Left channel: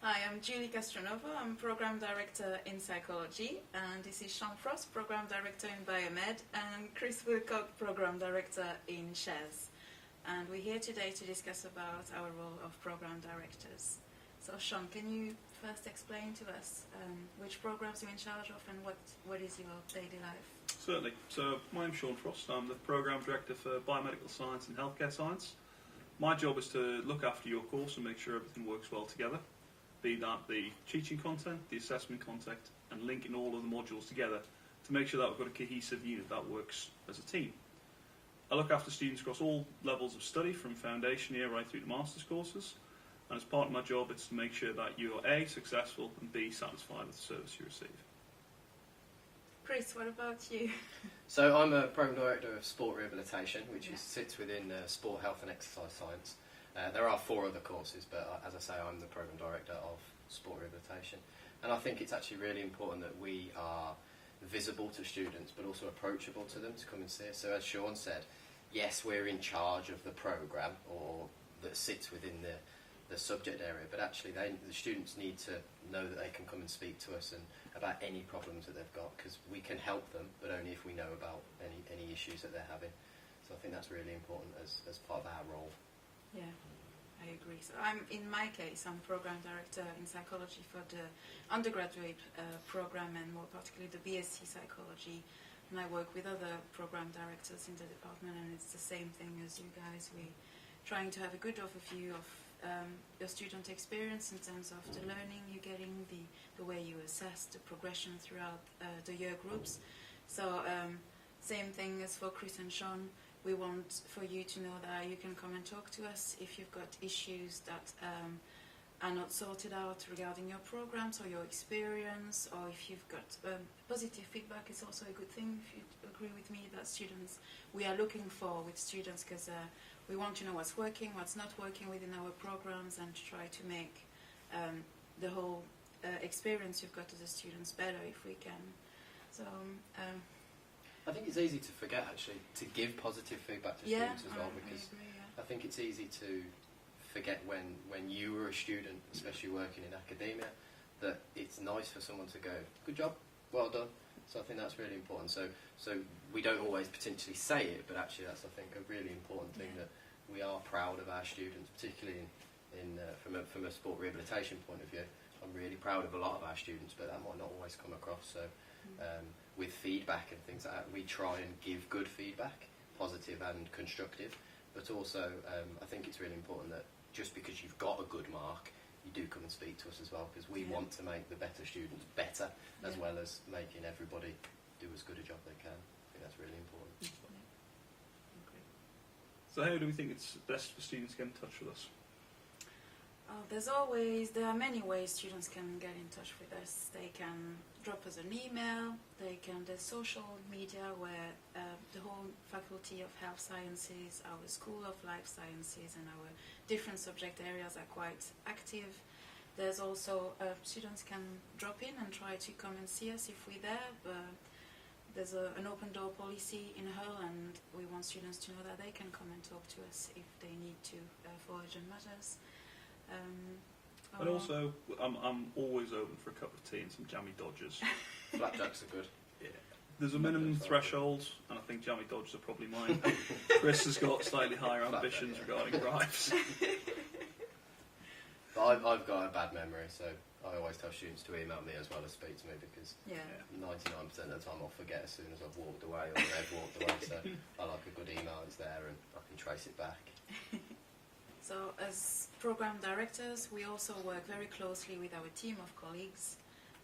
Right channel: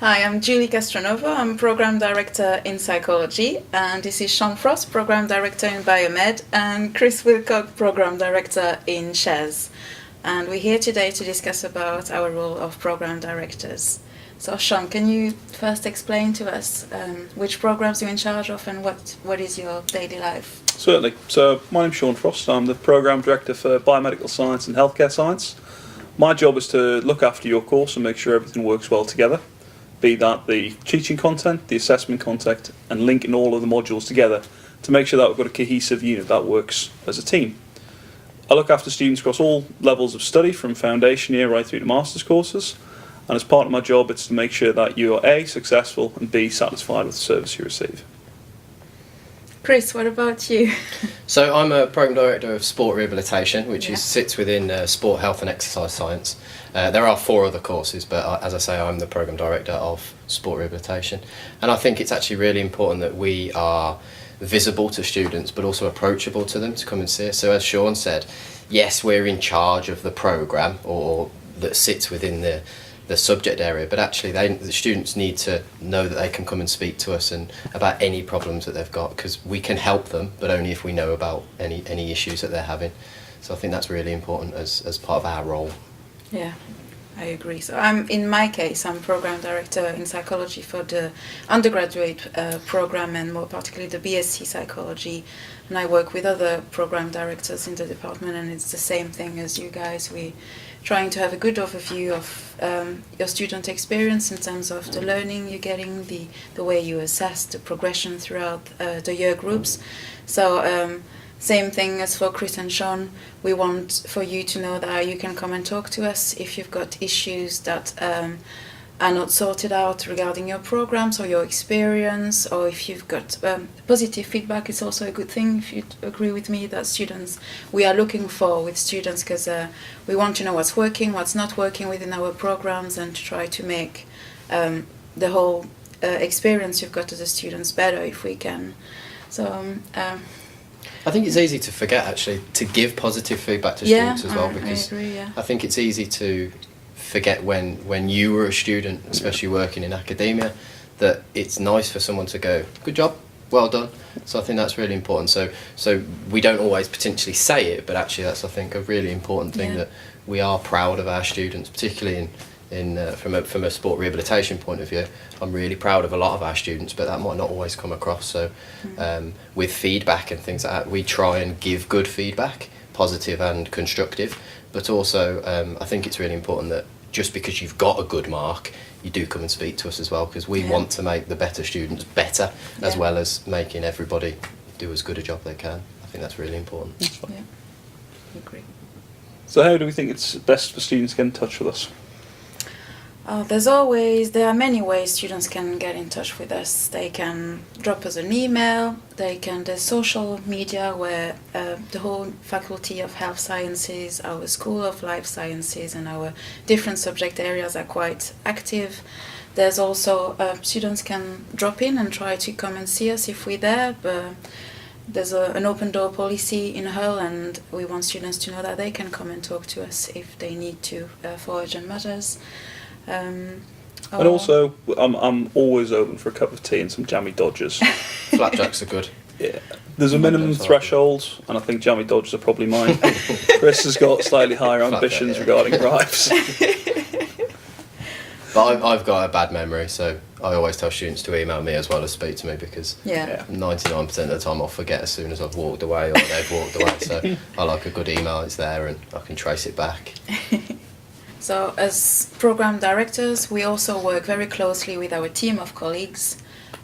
Hi, I'm Julie Castronovo. I'm Program Director in Psychology, and this is Sean Frost, Program Director in Biomed, and Chris Wilcox, Program Director in SHARES. And we're here today to discuss about our role of Program Directors. So Sean, can you first explain to us which programs you're in charge of and what is your daily life? Certainly. So my name's Sean Frost. I'm the Programme Director for Biomedical Science and Healthcare Science. My job is to look after your course and make sure everything works well together, be that the teaching content, the assessment content, and linking all of the modules together to make sure that we've got a cohesive unit that works as a team. I look after students across all levels of study, from foundation year right through to master's courses, and as part of my job it's to make sure that you are A, successful, and B, satisfied with the service you receive. Chris, what about you? So I'm a Programme Director of Sport Rehabilitation, which sits within Sport, Health and Exercise Science. There are 4 other courses, but as I say, I'm the Programme Director of Sport Rehabilitation. And I think it's actually really important that we are visible to students, but also approachable to them to come and see us. So as Sean said, yes, we're in charge of the programme or that sits within the subject area, but actually the students need to know that they can come and speak to us and about any problems that they've got, because we can help them, but only if we know about any issues that they're having. So I think that's really important as part of our role. Yeah, I agree. So in my case, I'm Program Director in Psychology for the undergraduate program, and more particularly the BSc Psychology. And I work with other Program Directors in the department, and it's the same thing as you guys. We're trying to have a good overview of your student experience in terms of the learning you're getting, the way you assess the progression throughout the year groups. So same thing as for Chris and Sean, we want for you to know that you can come and talk to us if you've got issues that are not sorted out regarding your programs or your experience, or if you've got positive feedback. It's also a good thing, if you agree with me, that we are looking for with students, because we want to know what's working, what's not working within our programs, and to try to make the whole experience you've got as a students better if we can. So I think it's easy to forget actually to give positive feedback to students as well, because I agree, I think it's easy to forget when you were a student, especially working in academia, that it's nice for someone to go, good job, well done. So I think that's really important. So we don't always potentially say it, but actually that's, I think, a really important thing, that we are proud of our students, particularly from a sport rehabilitation point of view. I'm really proud of a lot of our students, but that might not always come across. So with feedback and things like that, we try and give good feedback, positive and constructive, but also I think it's really important that just because you've got a good mark, you do come and speak to us as well, because we want to make the better students better, as well as making everybody do as good a job they can. I think that's really important. yeah, I agree. So how do we think it's best for students to get in touch with us? There are many ways students can get in touch with us. They can drop us an email, there's social media where the whole Faculty of Health Sciences, our School of Life Sciences, and our different subject areas are quite active. There's also, students can drop in and try to come and see us if we're there. There's an open door policy in Hull, and we want students to know that they can come and talk to us if they need to for urgent matters. And also, I'm always open for a cup of tea and some jammy dodgers. Flapjacks are good. Yeah. There's a minimum threshold, and I think jammy dodgers are probably mine. Chris has got slightly higher ambitions regarding bribes. But I've got a bad memory, so I always tell students to email me as well as speak to me, because 99% of the time I'll forget as soon as I've walked away or they've walked away. So I like a good email, it's there and I can trace it back. So as program directors, we also work very closely with our team of colleagues,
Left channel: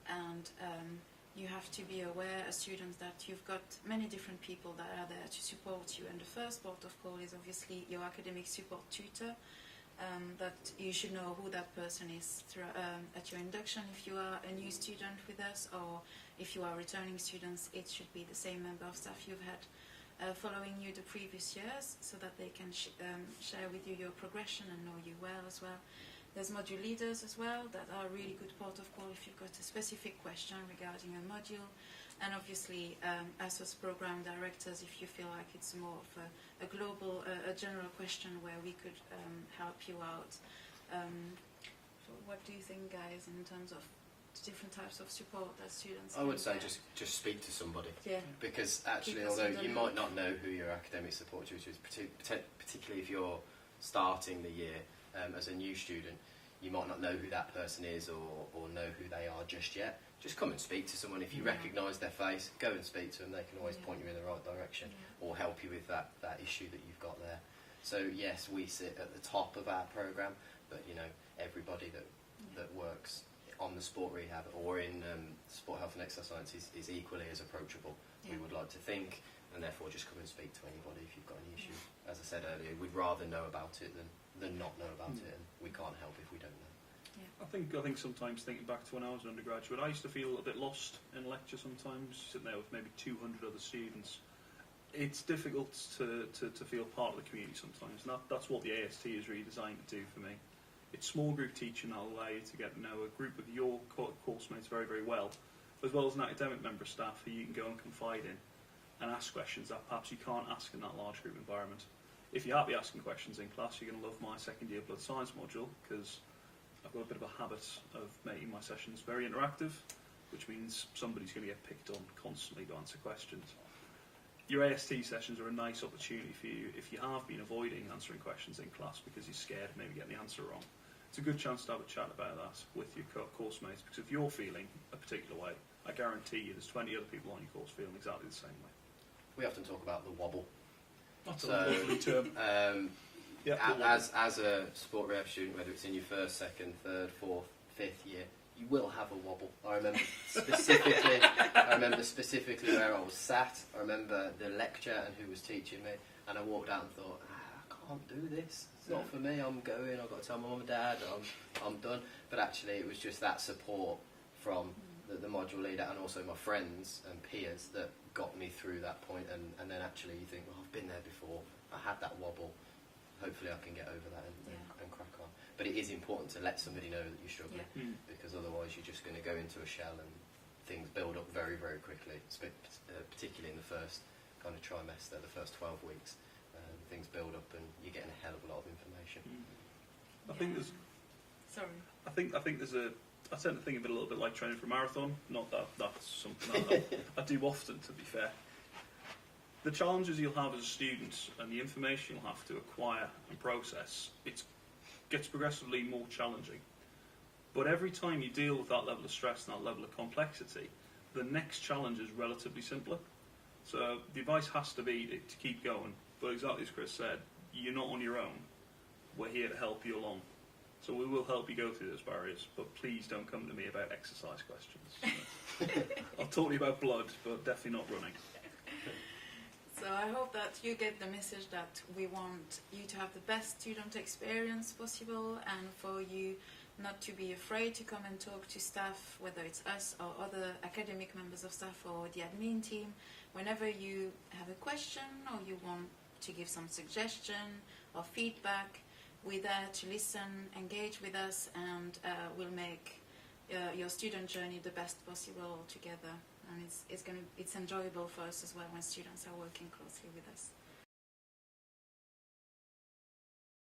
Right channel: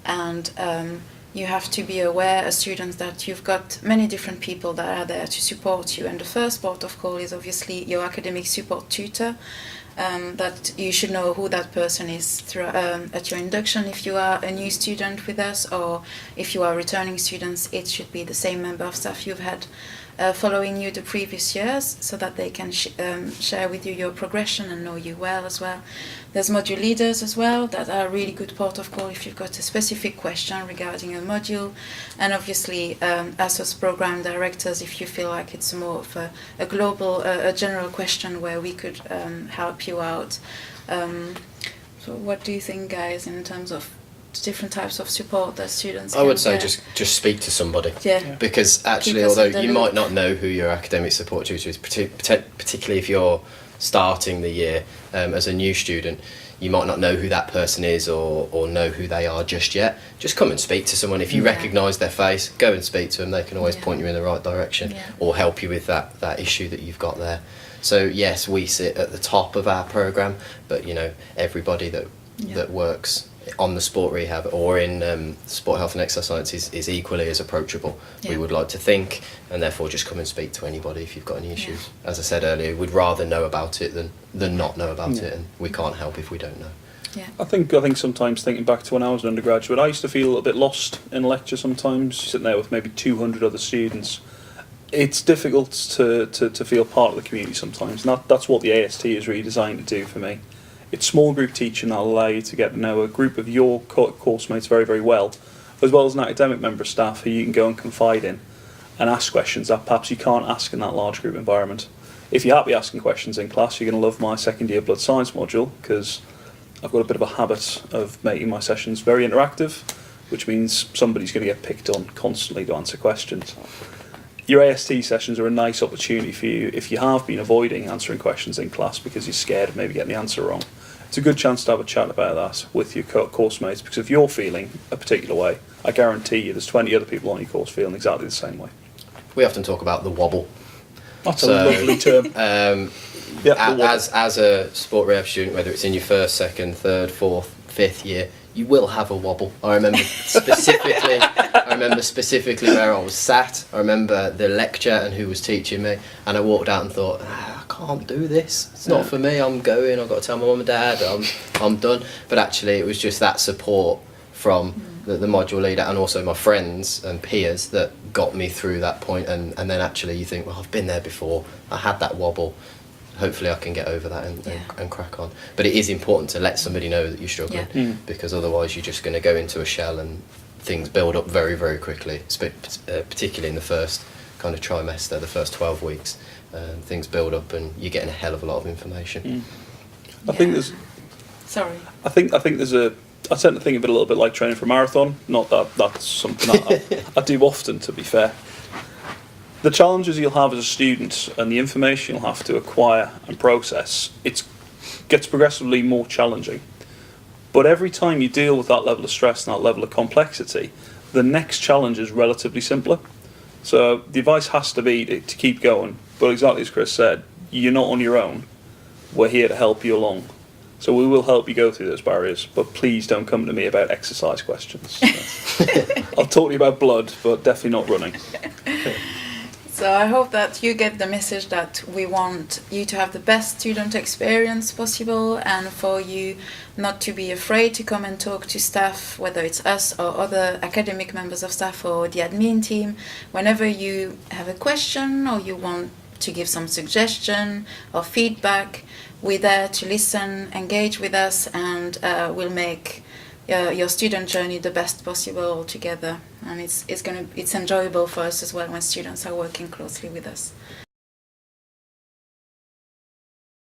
and you have to be aware as students that you've got many different people that are there to support you. And the first port of call is obviously your academic support tutor, that you should know who that person is at your induction. If you are a new student with us, or if you are returning students, it should be the same member of staff you've had following you the previous years, so that they can share with you your progression and know you well as well. There's module leaders as well that are a really good port of call if you've got a specific question regarding a module. And obviously, as program directors, if you feel like it's more of a global, a general question where we could help you out. So what do you think, guys, in terms of different types of support that students I would say get? just speak to somebody. Yeah. Because actually, Keep us in although the you loop. might not know who your academic support tutor is, particularly if you're starting the year as a new student, you might not know who that person is or know who they are just yet. Just come and speak to someone. If you Yeah. recognise their face, go and speak to them. They can always Yeah. point you in the right direction Yeah. or help you with that issue that you've got there. So yes, we sit at the top of our programme, but you know, everybody that works on the sport rehab or in sport health and exercise science is equally as approachable. Yeah. We would like to think, and therefore just come and speak to anybody if you've got any issues. As I said earlier, we'd rather know about it than not know about it, and we can't help if we don't know. Yeah. I think sometimes thinking back to when I was an undergraduate, I used to feel a little bit lost in a lecture sometimes, sitting there with maybe 200 other students. It's difficult to feel part of the community sometimes, and that's what the AST is really designed to do for me. It's small group teaching that'll allow you to get to know a group of your course mates very, very well as an academic member of staff who you can go and confide in and ask questions that perhaps you can't ask in that large group environment. If you're happy asking questions in class, you're going to love my second year blood science module, because I've got a bit of a habit of making my sessions very interactive, which means somebody's going to get picked on constantly to answer questions. Your AST sessions are a nice opportunity for you if you have been avoiding answering questions in class because you're scared of maybe getting the answer wrong. It's a good chance to have a chat about that with your course mates, because if you're feeling a particular way, I guarantee you there's 20 other people on your course feeling exactly the same way. We often talk about the wobble. That's a lovely term. As a sport rehab student, whether it's in your first, second, third, fourth, fifth year, you will have a wobble. I remember specifically where I was sat. I remember the lecture and who was teaching me, and I walked out and thought, I can't do this. It's not for me. I'm going. I've got to tell my mum and dad. I'm done. But actually, it was just that support from the module leader and also my friends and peers that got me through that point. And then actually, you think, well, I've been there before. I had that wobble. Hopefully I can get over that and crack on. But it is important to let somebody know that you're struggling, because otherwise you're just going to go into a shell and things build up very, very quickly, particularly in the first kind of trimester, the first 12 weeks. Things build up and you're getting a hell of a lot of information. I think there's... Sorry. I think there's a... I tend to think of it a little bit like training for a marathon. Not that that's something that I do often, to be fair. The challenges you'll have as a student and the information you'll have to acquire and process, it gets progressively more challenging. But every time you deal with that level of stress and that level of complexity, the next challenge is relatively simpler. So the advice has to be to keep going. But exactly as Chris said, you're not on your own. We're here to help you along. So we will help you go through those barriers, but please don't come to me about exercise questions. I'll talk to you about blood, but definitely not running. So I hope that you get the message that we want you to have the best student experience possible, and for you not to be afraid to come and talk to staff, whether it's us or other academic members of staff or the admin team. Whenever you have a question or you want to give some suggestion or feedback, we're there to listen, engage with us, and we'll make your student journey the best possible together. And it's enjoyable for us as well when students are working closely with us.